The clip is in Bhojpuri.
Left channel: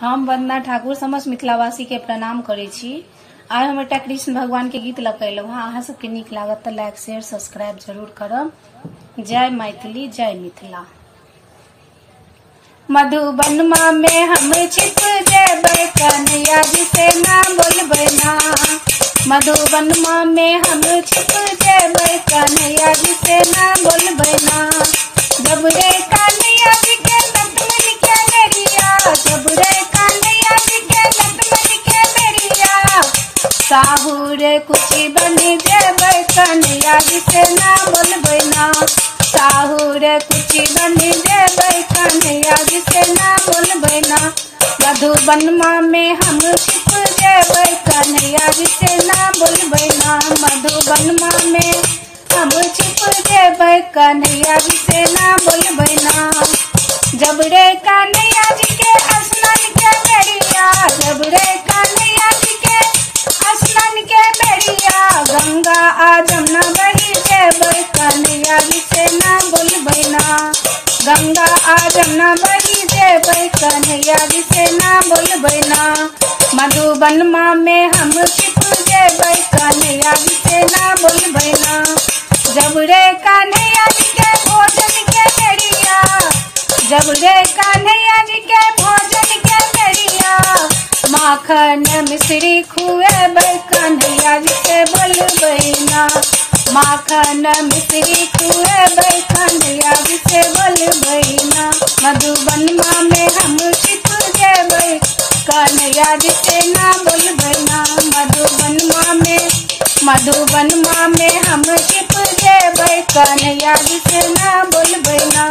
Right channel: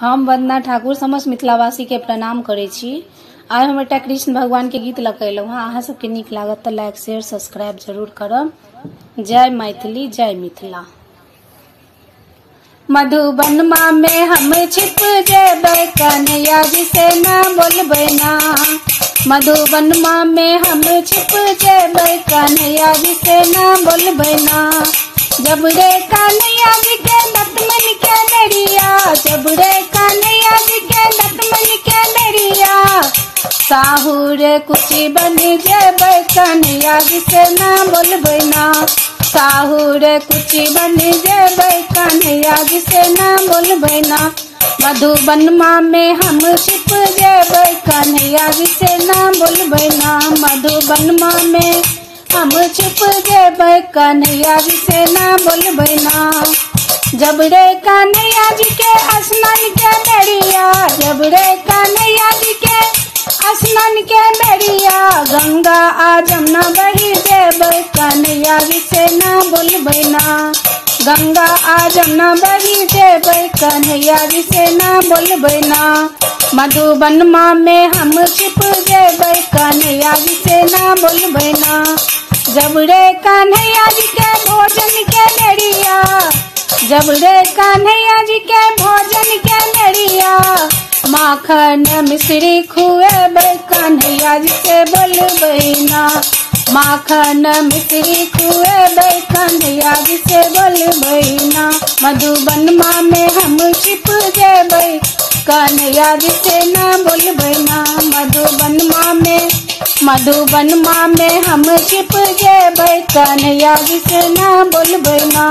हम वंदना ठाकुर समस्त मिथिलावासी के प्रणाम करे छी। आइ हम एकटा कृष्ण भगवान के गीत लगेलहुँ हँ। अहाँ सबके नीक लागत तो लाइक शेयर सब्सक्राइब जरूर करब। जय मैथिली जय मिथिला। मधुबन में हम छिप जेबै कन्हैया जी से ना बोलबै ना। मधुबन में हम छिप जेबै कन्हैया जी से ना बोलबै ना। जब रे कन्हैया जी के लक्ष्मण के नरिया, जब रे कन्हैया जी के लक्ष्मण के नरिया, साहू रे कुची बनी जेबै कन्हैया जी से ना बोलबै ना। साहू रे कुची बनी जेबै कन्हैया जी से ना बोलबै ना। मधुबन में हम छिप जेबै कन्हैया जी से ना बोलबै ना। मधुबन में हम छिप जेबै कन्हैया जी से ना बोलबै ना। जब रे कन्हैया जी के स्नान के बेरिया, जब रे कन्हैया जी के स्नान के बेरिया, गंगा आ जमुना बही जेबै कन्हैया जी से ना बोलबै ना। गंगा आ जमुना बही जेबै कन्हैया जी से ना बोलबै ना। मधुबन में हम छिप जेबै कन्हैया जी से ना बोलबै ना। जब रे कन्हैया जी के भोजन के बेरिया, जब रे कन्हैया जी के भोजन के बेरिया, माखन मिश्री खुएबै कन्हैया जी से बोलबै ना। माखन मिश्री खुएबै कन्हैया जी से बोलबै ना। मधुबन में हम छिप जेबै कन्हैया जी से ना बोलबै ना। मधुबन में हम छिप जेबै कन्हैया जी से ना बोलबै ना।